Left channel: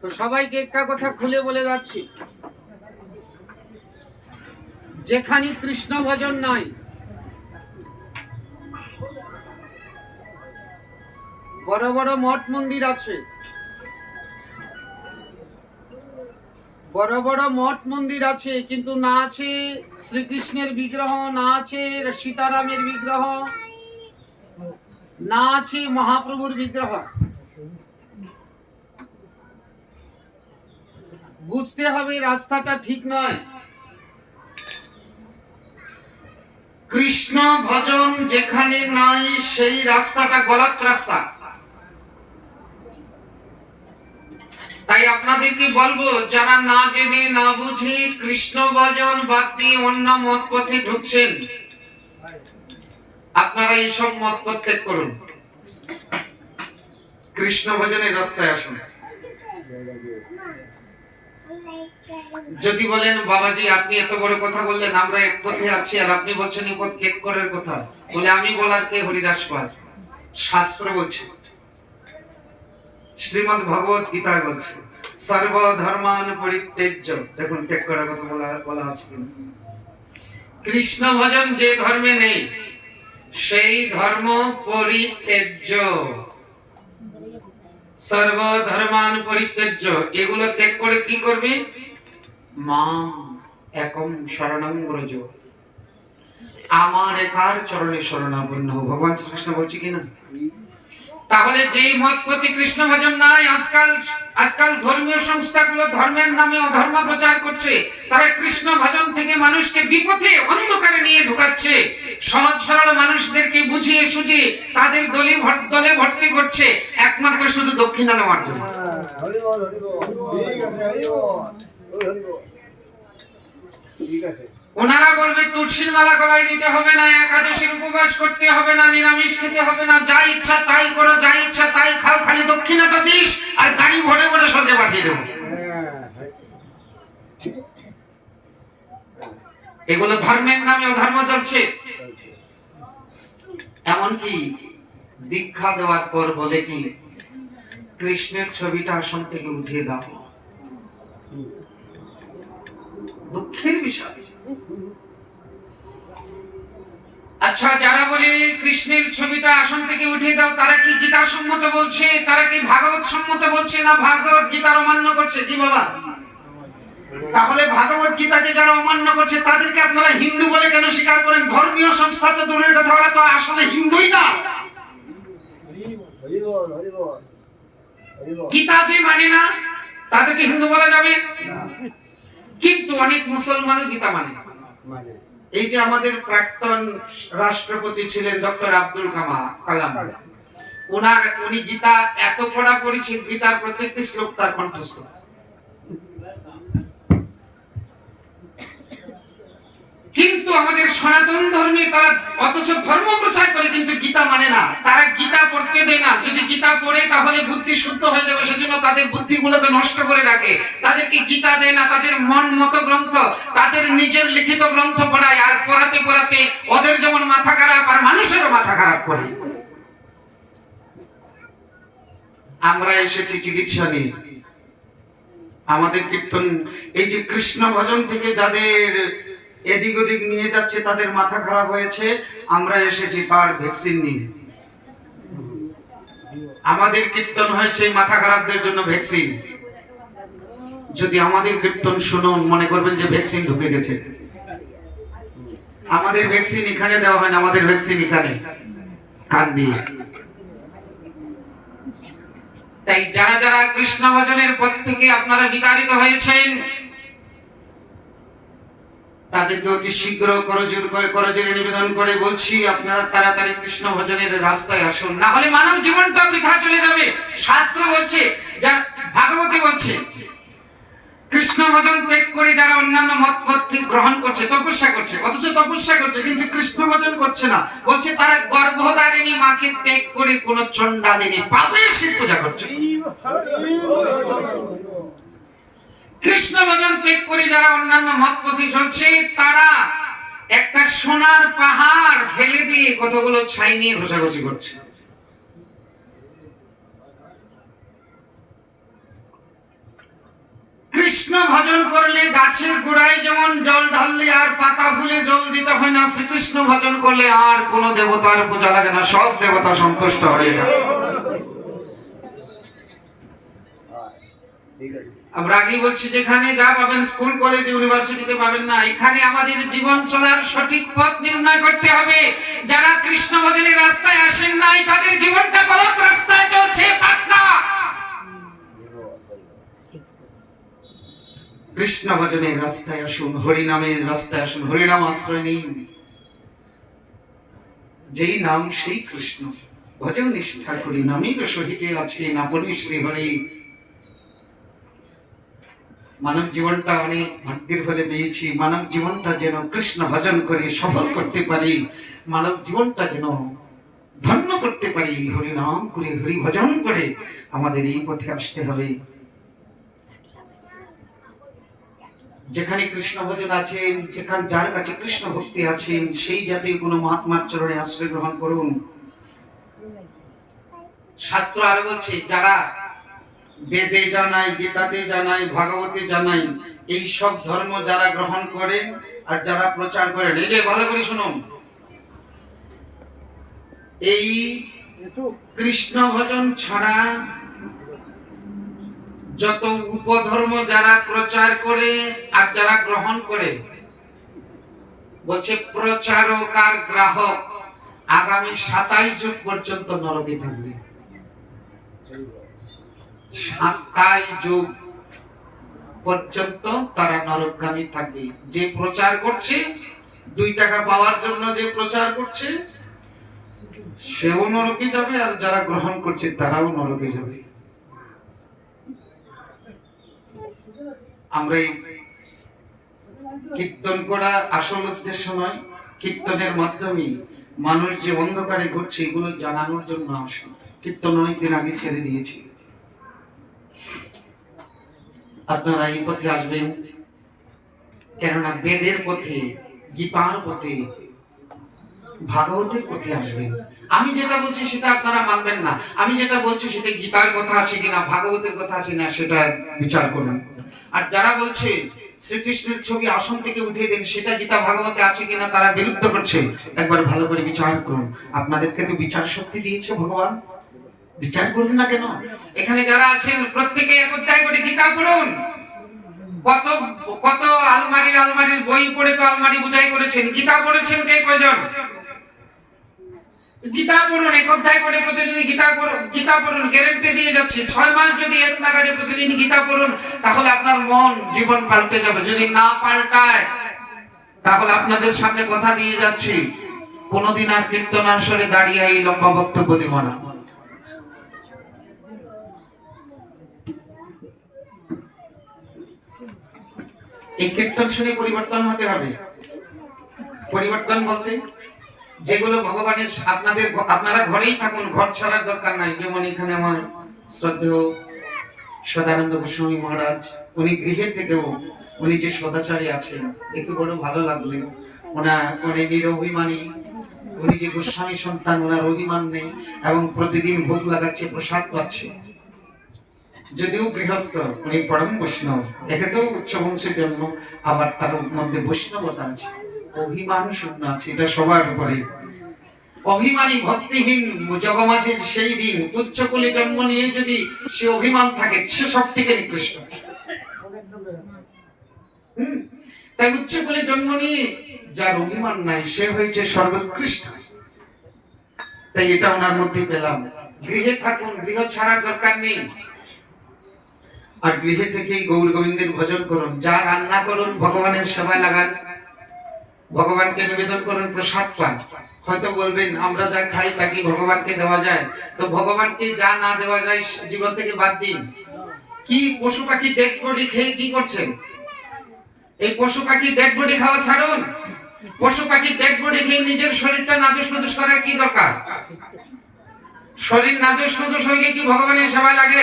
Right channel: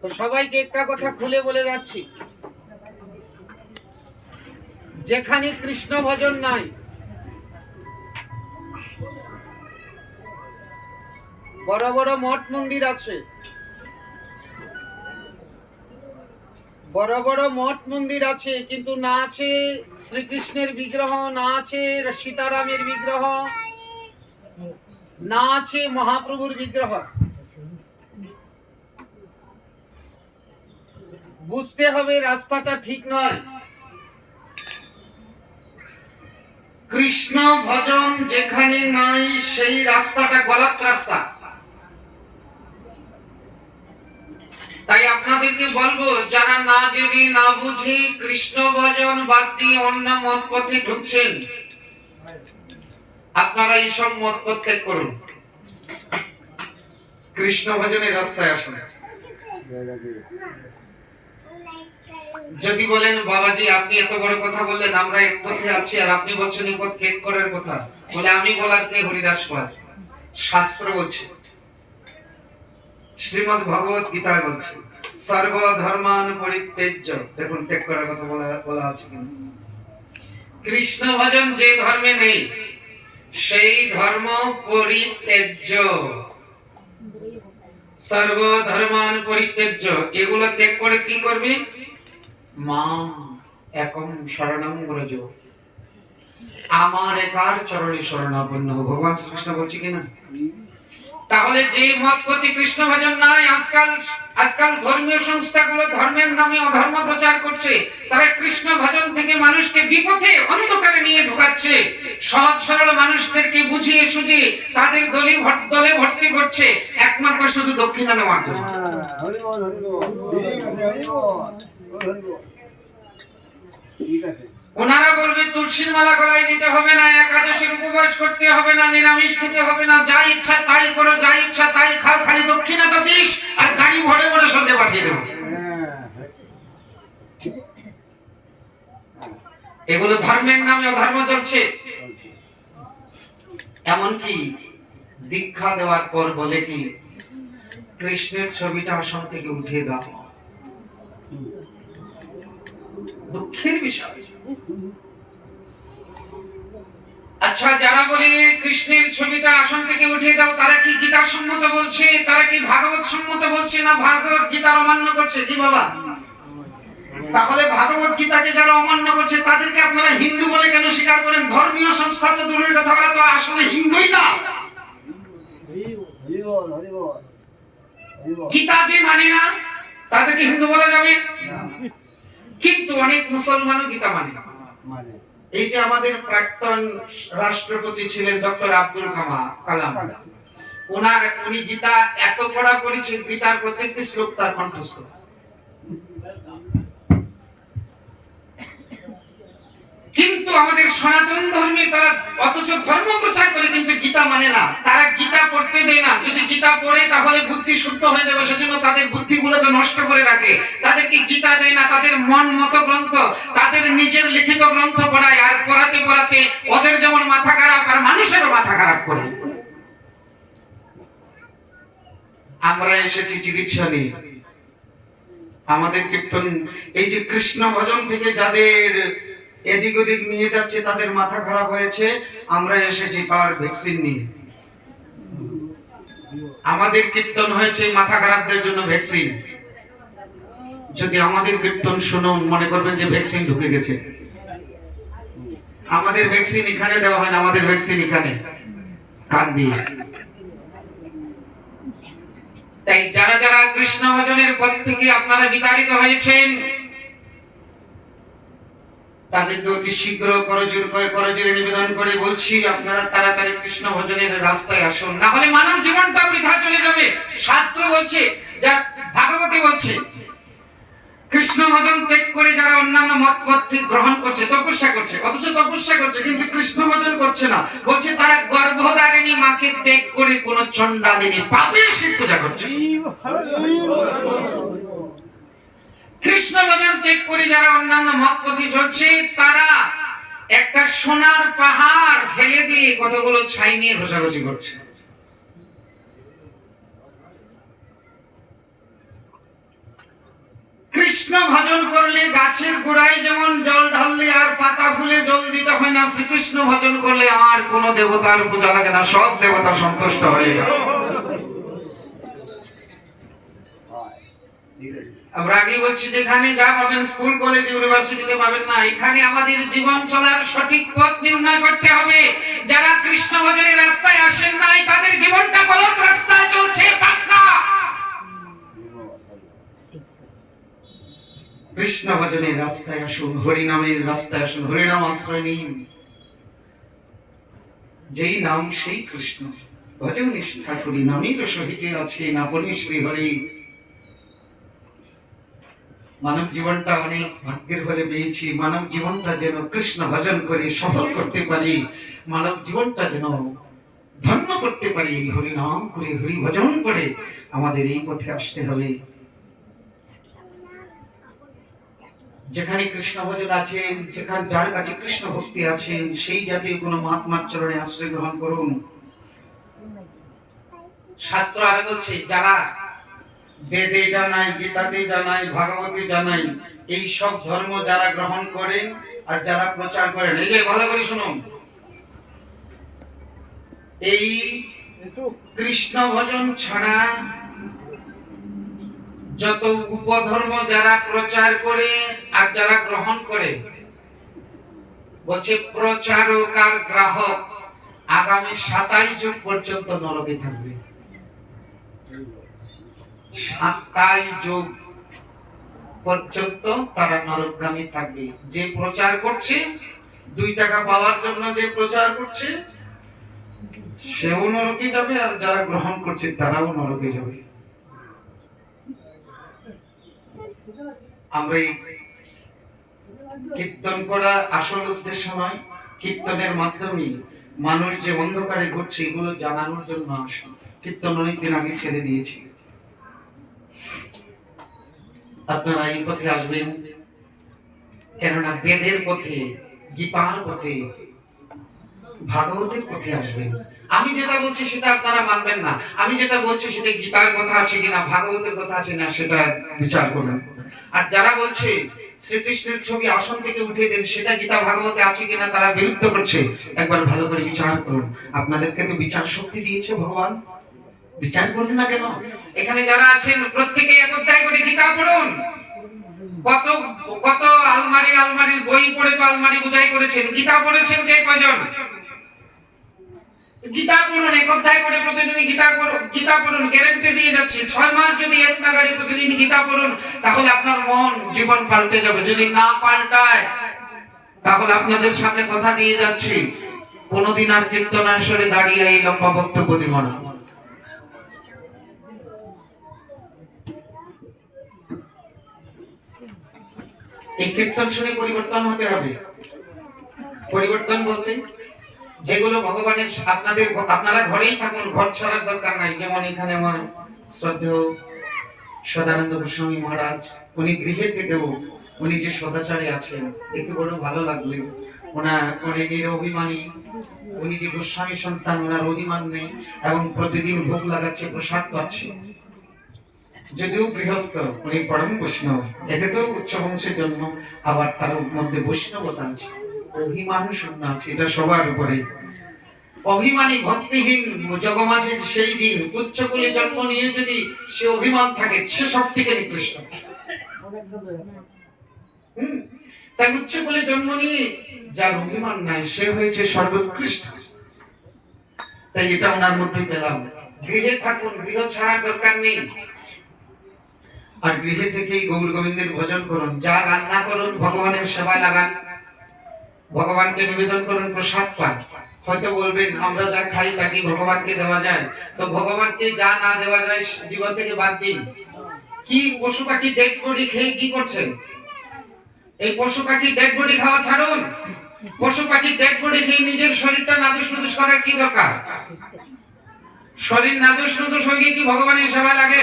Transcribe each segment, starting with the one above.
তো সবাইকে একটা কথা খুলে বলে যাচ্ছি, যেখানে কৃষ্ণ ভজন নাই, বড় বড় মঠ মন্দির আছে, বড় বড় মঠ মন্দির আছে, কিন্তু না আছে শ্রীকৃষ্ণের বিগ্রহ, না আছে সীতারামের বিগ্রহ, না আছে মহাপ্রভুর বিগ্রহ। বুঝতে হবে রাস্তাটা ঠিক নয়। কৃষ্ণ ভজন যেখানে নাই সেই রাস্তাটা গলত রাস্তা। তাই আপনাদেরকে বলবো, যারা না জেনে না বুঝে কৃষ্ণ ভজন বাদ দিয়ে অন্য মত পথে ঢুকছেন, আপনারা এইসব মত পথ ত্যাগ করুন, কৃষ্ণ ভজনের রাস্তায় আসুন। যদি বলেন বাবাজি আপনি এত বড় কথা বললেন, আমরা এক পথে আছি আর আপনি বলছেন এই পথ ত্যাগ করার কথা, বলে আমি বলার কে? হরিদাস পাল। শাস্ত্র বলছে, শ্রীমদ্ ভগবত গীতা বলছে সর্বধর্মান পরিত্যাজ্য। দেখুন ত্যাগ করার কথা বলা আছে কিনা। কৃষ্ণ ভজন যে ধর্মে নেই সেই ধর্ম পরিত্যাজ্য। সর্বধর্মান পরিত্যাজ্য, এগুলো ত্যাগ করে কি করবে? মাম একম শরণং ব্রজ, আমার একার চরণে শরণাপন্ন। ভগবান শ্রীকৃষ্ণ বলছে কিনা। তাহলে যে মত প্রতি কৃষ্ণ ভজন নাই, আজকাল ধর্মীয় সংস্থাগুলো ধর্মের নামে অধর্ম প্রচার করছে, তারা কৃষ্ণ ভজন থেকে মানুষকে বিপথে অন্ধকারে নিয়ে ঢুকাচ্ছে, সহজ সরল মানুষদেরকে বুঝিয়ে সুঝিয়ে তাদের দলে ভর্তি করছে, একমাত্র শুধু দক্ষিণা নেওয়ার জন্য। ওনারা বলবে তুলসীর মালা গলায় দিতে হবে না, একাদশীর উপবাস করতে হবে না, নিরামিষ খেতে হবে না, যা ইচ্ছা তাই করো, যা ইচ্ছা তাই খাও, খালি দক্ষিণাটা দিস আর গাড়ি ভরে ভরে সঙ্গে পাঠিয়ে দেবো। এগুলো ধর্মের নামে অধর্ম চলছে। এমনকি দীক্ষা দেওয়ার পর বলে কি, কৃষ্ণের ছবিটা আসন থেকে উঠিয়ে দাও। দুঃখের বিষয়। আচ্ছা, যারা বলে কৃষ্ণের ছবিটা আসন থেকে উঠিয়ে দাও, তারা কি গীতা সম্মত বলছে? তারা কি ভাগবত সম্মত বলছে? না ভাগবত গীতার অমান্য করছে? কি বাবা? তাহলে ভাগবত গীতাকে যারা অমান্য করছে তাদেরকে আপনারা হিন্দু বলে কেন স্বীকার করেন? ধর্মীয় সংস্থা তো দূরের কথা, ওরা তো আসলে হিন্দুই না। গীতা যে মানে না তাদেরকে হিন্দু বলা যাবে? কিন্তু অনেক মুসলমানও গীতা মানে। এই যে আমাদের প্রাক্তন রাষ্ট্রপতি ছিলেন ডক্টর আব্দুল কালাম, উনি গীতা এত পড়া করেছেন, গীতার প্রত্যেকটি শ্লোক তার কণ্ঠস্থ। কিন্তু আমাদের সনাতন ধর্মে তারা অথচ ধর্ম প্রচার করে কিন্তু গীতা মানে না, তারা গীতা পড়তে দেয় না। যদি গীতা পড়ে তাহলে বুদ্ধি শুদ্ধ হয়ে যাবে, সেজন্য তাদের বুদ্ধিগুলোকে নষ্ট করে রাখে। তাদেরকে গীতা দেয় না, তাদের মন মতো গ্রন্থ, তাদের নিজের লিখিত গ্রন্থ পড়ায়, আর পড়াতে পড়াতে ওদের যেমন মাথা খারাপ আর মানুষেরও মাথা খারাপ করে। আমরা এসেছি চিকিৎসা নিয়ে। আমাদের কীর্তন এই যে কৃষ্ণ ভজন থেকে যাদের এদিক ওদিক নিয়ে যাচ্ছে, তাদের মাথা খারাপ হয়েছে, আমরা এসেছি তার ভ্যাকসিন নিয়ে। আমাদের কীর্তন হয়েছে মাথা খারাপদের জন্য ভ্যাকসিন। যদি আমাদের কীর্তন শুনুন, মনে করবেন যে ভ্যাকসিন ঢুকে গেছে। আমাদের ভ্যাকসিন এখানে দেওয়া হয় না, আমাদের ভ্যাকসিন এখানে কান দিয়ে। তাই যারা যারা কৃষ্ণ ভজনের পথ থেকে আপনারা বিতাড়িত হয়েছেন, তাদেরকে অতি শীঘ্র করজোরে নিবেদন করে বলছি, আপনারা তাড়াতাড়ি কৃষ্ণ ভজনের রাস্তায় আসুন, না হলে মানব জীবনটা বৃথা চলে যাবে। শাস্ত্র বলছে, যা ভাগবতী বলছে, কৃষ্ণ ভজন ত্যাগ করে যারা অন্যান্য মত পথ গ্রহণ করছে, তপস্যা করছে, অথচ তপস্যা করছে কিন্তু কৃষ্ণ ভজন করছে না, বলছে তারা গর্ভধারিণী মাকে ত্যাগ করে কোন চণ্ডালিনী পাপের শিব পূজা করছে। কৃষ্ণ ভজন ত্যাগ করে যারা অন্যান্য মত পথে চলছে, তারা একটা সোনার পাহাড় ফেলে দিয়ে কতগুলো ছাই নিয়ে ঘষাঘষি করছে। ভজন করলে গাছের গোড়ায় যেমন জল ঢাললে আর পাতা ফুলে জল দিতে হয় না, শ্রীকৃষ্ণ ভজন করলে আর কোনো দেবতার পূজা লাগে না, সব দেবতা সন্তুষ্ট হয়ে গেল। আমরা আগেই বলছি, যেখানে যা পাবেন স্কুল কলেজ ইউনিভার্সিটিতে পাবেন না, এখানে আমাদের জীবন চলার সঠিক পথ নির্ণয় করতে হবে। যারা কৃষ্ণ ভজনের রাস্তায় আসেন নাই, তাদের জীবনটা গলত রাস্তায় চলছে পাক্কা। কৃষ্ণ ভজনের রাস্তায় আসুন, হরিনামের রাস্তায় আসুন, হরিনাম আশ্রয় নিন। যেই নাম সেই কৃষ্ণ, ভজন নিষ্ঠা করি নামের সহিতে আছে আপনি শ্রী হরি। মানব জীবনটা অনেক ভাগ্যের ফলে পেয়েছি, মানব জীবনটা যেন কৃষ্ণ ভজন করে সফল করতে পারি, মানব জীবনটা যেন ধন্য করতে পারি, হরি নাম করে হরি ভজন করে আমাদের এই পথে আসতে হবে। যেখানে কৃষ্ণ ভজন আছেন, যেখানে যার কাছে কৃষ্ণ ভক্তি আছেন, সেই জাতীয় কোনো মহাত্মার চরণে আশ্রয় গ্রহণ করুন। শাস্ত্র আরো বলছে, যারা বেদে জানাই, গীতাতে জানাই, ভাগবতে জানাই, এই সব ধর্ম যারা গ্রহণ করেন আর যারা প্রচার করেন, এই যে ভালো করে শুনুন, এই কৃষ্ণ ভজন ছাড়া যত উপধর্ম যারা প্রচার করে আর যারা গ্রহণ করে, বলছে প্রচারক আর গ্রাহক আগামী 27 যুগ পর্যন্ত নরকে থাকবে। 27 যুগ পর্যন্ত তারা নরকগামী থাকবে। যে প্রচার করছে, 2 টাকা পাওয়ার জন্য যে প্রচার করছে, সেও নরকে যাবে, আর যারা গ্রহণ করছে তারাও নরকে যাবে। আমরা কীর্তন করা আসল উদ্দেশ্য নয়, কীর্তনের মাধ্যমে মানুষ যে অন্ধকারে ঘুরছে এগুলো জানানোর জন্য আসুন। কীর্তন অনেকদিন আগে ছেড়ে দিয়েছি, আপনারা এই পথে আসবেন, কেননা বেদের পথে, গীতার পথে, ভাগবতের পথে আসবেন। আমি যেটা বলছি সেটা আপনারা মানবেন না, আমি যেটা বলছি সেটা গীতার কথা আছে কিনা, ভাগবতের কথা আছে না, সেটা বিচার করুন। আর যারা বলছে শ্রীকৃষ্ণের ছবি আসন থেকে উঠিয়ে দেন, সেটা গীতা ভাগবতে আছে কিনা তারা বিরুদ্ধ করছে, একবার ভালো করে বিচার করুন। আপনাদেরকে তো বিচার শক্তি দিয়েছে ভগবান, বিচার করুন না কেন? এখানে যারা আছেন প্রত্যেকে এক অধ্যায় করে গীতা পড়ুন। কত কত আলমারির বই পড়ে তো আলমারি বুঝাই করেছেন, গীতা পড়েছেন কে কয়জন? গীতা পড়ুন, এক অধ্যায় করে প্রতিদিন গীতা পড়ুন, গ্যারান্টি দিয়ে যাচ্ছি 6 মাস যদি এক নাগাড়ে প্রতিদিন গীতা পড়ুন, তাহলে আপনার মন জীবন পাল্টে যাবে। যদি না পাল্টায়, তাহলে আপনাদের সামনে কথা দিয়ে যাচ্ছি, কোনদিন আর কীর্তন আসরে দাঁড়িয়ে এই লম্বা বক্তব্য দিব না। এই কীর্তন শুনে পরিবর্তন হতে হবে। পরিবর্তন বলতে যেগুলো ভগবানের, আপনারা ঘরেই থাকুন, ঘর ছাড়ার দরকার নাই। যেমন এখানে আমার শ্রদ্ধেয় সদানন্দ গোস্বামী মহারাজ, উনি গৃহের থেকেও উনি যে সদাচারী আছেন, দেখে বড় ভালো লাগলো। উনি নিরভিমানী, উনি যে গোস্বামী সন্তান, ওনার অভিমান নেই এবং প্রতিদিন ভোগ লাগাচ্ছে, প্রসাদ পাচ্ছে। যদিও গৃহস্থ, উনি পরম বৈষ্ণব, দেখে তো উচ্চ বংশের জন্ম, আবার তার মধ্যে বৈষ্ণবতা আছে, অভিমান শূন্য আছে, এটা সবার উপরে। অভিমানী ভক্তিহীন জগমাঝে সেই দিন, উচ্চকুলে জন্ম নিয়ে যদি সে অভিমান থাকে, সে সব থেকে নিকৃষ্ট। তাই উচ্চকুলে জন্ম নিয়ে যার অভিমান নাই, সে হয়েছে সর্বোৎকৃষ্ট। তাই এটা ওনার মধ্যে পেলাম। গৃহে থাকুন, গৃহ ছাড়ার দরকার নেই। আর গৃহে থেকেই গৌর গোবিন্দের ভজন করুন, যা রান্না করুন ভগবানের সেবায় লাগান, ভগবানকে নিবেদন করুন, প্রসাদ পান। হয়তো বলবেন আমরা যা খাই তা কি ভগবানকে দেওয়া যায়? তো ভগবানকে যা না দেওয়া যায় জীবন থেকে বাদ দিন। কি পশু পাখি ডেড বডি খেয়ে কি করছেন? এই পশু পাখি ডেড বডি খাওয়া ছাড়ুন। পশু পাখি ডেড বডি খেয়ে নিজের শরীরটা নাদুস নুদুস করার কি দরকার? শরীর নাদুস নুদুস হইলে কি ভগবানের সেবায় লাগে?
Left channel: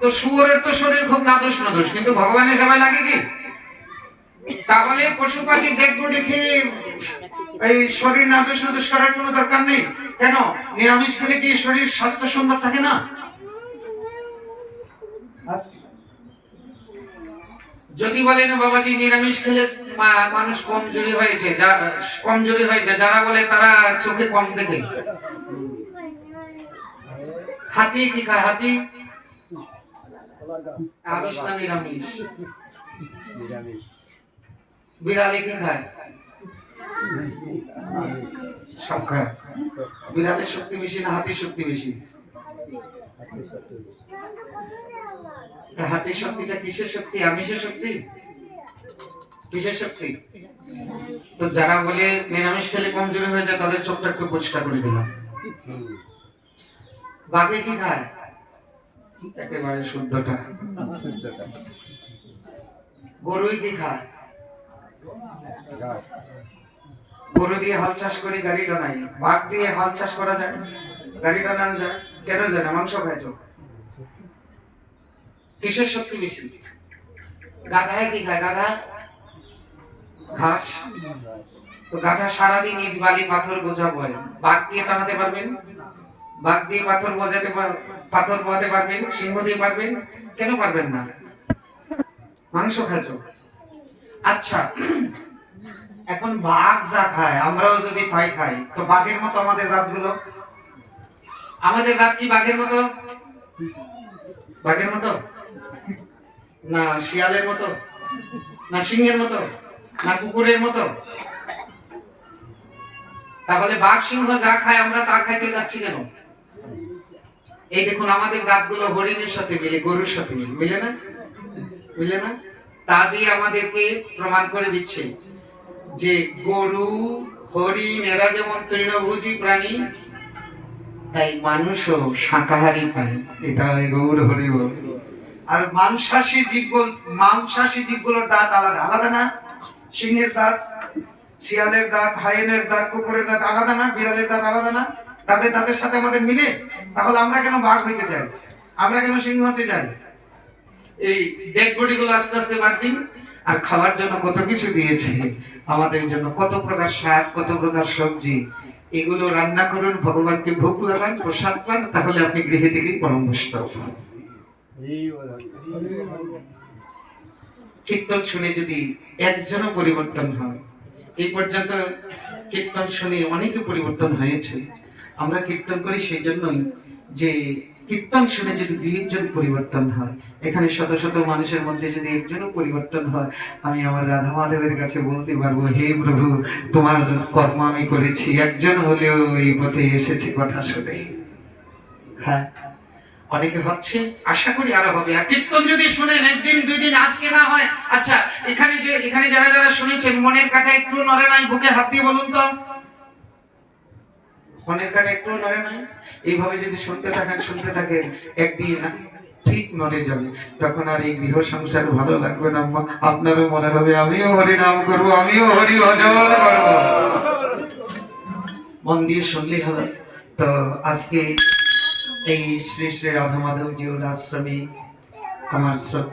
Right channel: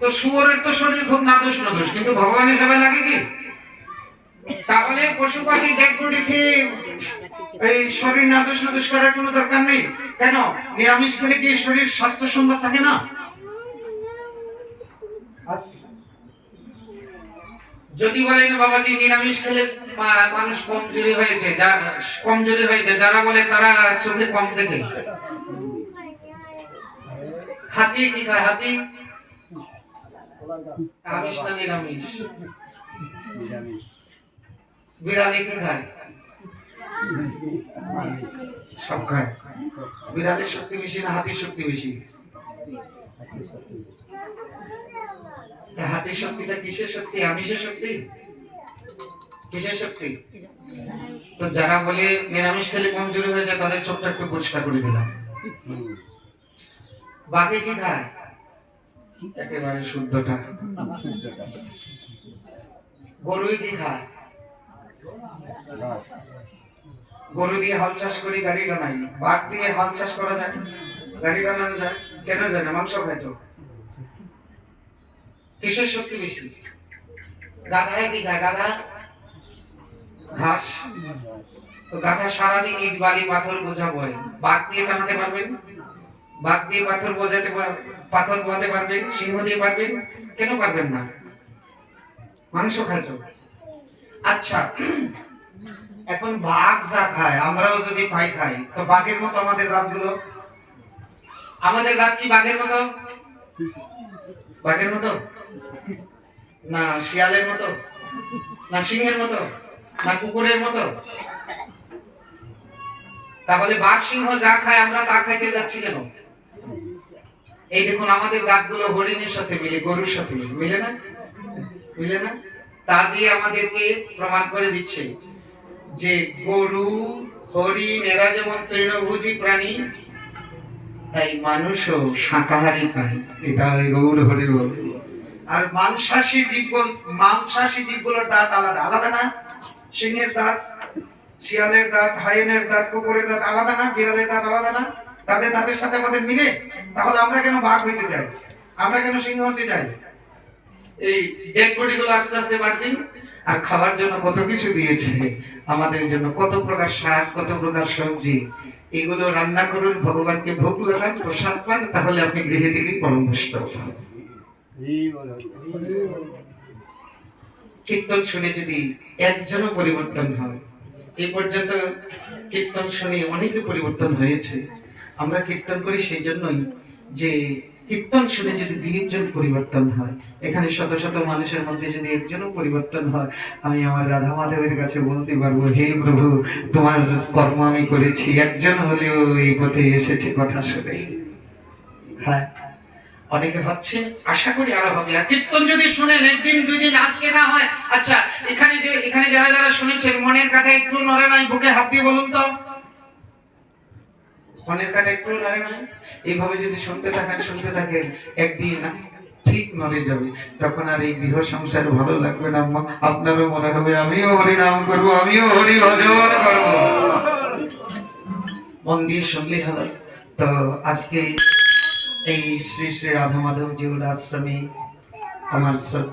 তো শুয়োরের তো শরীর খুব নাদুস নুদুস, কিন্তু ভগবানের সেবায় লাগে কি? তাহলে পশু পাখি ডেড বডি খেয়ে এই শরীর নাদুস নুদুস করার কোনো দরকার নেই। কেন? নিরামিষ খেলে কি শরীর স্বাস্থ্য সুন্দর থাকে না? যদি বলেন বাবাজি নিরামিষ খেলে মানুষ কমজোরি হয়েছে, কমজোরি হয়ে যায়, যারা বলে তারা চোখে কম দেখে। হাতি কি খায়? হাতি আমিষ না নিরামিষ? বিড়ালে কি খায়? সব খায়। বিড়ালের শক্তি বেশি না হাতির শক্তি বেশি? হাতির শক্তিটা কিসের শক্তি? আমিষের শক্তি? কিসের শক্তি? তো যারা বলে নিরামিষ খেলে কমজোরি হয়ে যায় তাদের চোখটা একটু পরিষ্কার করে দিলাম। বাঘে কি খায়? একেবারে শুদ্ধটা। গরুই কি খায়? গরু দিয়ে হাল চাষ করে গাড়ি টানাই, বাঘ দিয়ে হাল চাষ করা যায়? গাড়ি টানানো যায়? কেন যায় না? মাংস খায় তো। কিসের শক্তি বেশি? গাধায় কি খায়? গাধা ঘাস। তো গাধা সারাদিন ইট বালি পাথর বোঝা বয়, বাঘ দিয়ে টানাতে পারবেন? বাঘ দিয়ে পাথর বোঝাতে পারবেন? সিংহ দিয়ে পারবেন? কেন পারবেন না? মাংস খায় তো। আচ্ছা, এখন বাঘ যা খায় আমরাও যদি তাই খাই, তো বাঘের মতো আমাদের দাঁতগুলো? আমাদের দাঁত কি বাঘের মতো? বাঘের মতো না শিয়ালের মতো, না সিংহের মতো, না কুকুরের মতো? তাহলে বাঘ সিংহ যা খায় আমরা তা খাইতে যাচ্ছি কেন? এই দেখুন আমাদের দাঁতগুলো হরিণের সাথে মিলে, গরুর সাথে মিলে না? মিলে না? তা দিয়ে আমাদেরকে প্রমাণ করে দিচ্ছে যে গরু হরিণ এরা যেমন তৃণভোজী প্রাণী, তাই মানুষও শাকাহারী প্রাণী। এটা গৌর হরি বল। আর মাংসাশী জীবগুলোর দাঁত আলাদা আলাদা না? সিংহের দাঁত, শিয়ালের দাঁত, হায়েনের দাঁত, কুকুরের দাঁত আলাদা না? বিড়ালের দাঁত আলাদা না? তাদের দাঁতের সাথে আমাদের মিলে। তাহলে আমরা কেন বাঘ হইতে যাই? আমরা কেন সিংহ হতে যাই? এই ডেড বডি গুলো আস্তে আস্তে বাড়তি। আর খাওয়ার জন্য কত কিছু দিয়েছে আমাদের জন্য, কত প্রকার শাক, কত প্রকার সবজি। এগুলো রান্না করুন, ভগবানকে ভোগ লাগান, প্রসাদ পান, তাহলে আপনি গৃহে থেকে পরম বৈষ্ণব। কীর্তন শুনে যদি একজনও পরিবর্তন হয়, এই পর্যন্ত কীর্তন শুনে অনেকে পরিবর্তন হয়েছে। আমরা কীর্তন করি সেই জন্যই যে কীর্তন শুনে যদি দুই একজন পরিবর্তন হয়, এখানে শত শত মানুষের মধ্যে যদি একজনও পরিবর্তন হয়, আমি আমার রাধা মাধবের কাছে বলতে পারবো, হে প্রভু তোমার কর্ম আমি করেছি, একজন হলেও এই পথে এসেছে কথা শুনে। হ্যাঁ, অনেকে হচ্ছে, আশা করি আরো হবে। আর কীর্তন যদি শুনেন একদিন দুই দিন, আজকে না হয়, আচ্ছা এখানে যারা যারা শুনেছেন মনের কাটা একটু নড়ে নাই? বুকে হাত দিয়ে বলুন তো, মনের কাটা একটু নড়ে নাই? এইভাবে যদি শুনতে থাকেন একদিন ঠিক নড়ে যাবে। তখন আর এই গৃহ সংসার ভালো লাগবে না। আপনারও মনে হবে আমিও হরি নাম করব, আমিও হরি ভজন করব। মন দিয়ে শুনলেই হবে। তো আজকে এই শ্রী শ্রী রাধা মাধব জিউর আশ্রমে আমার শ্রদ্ধা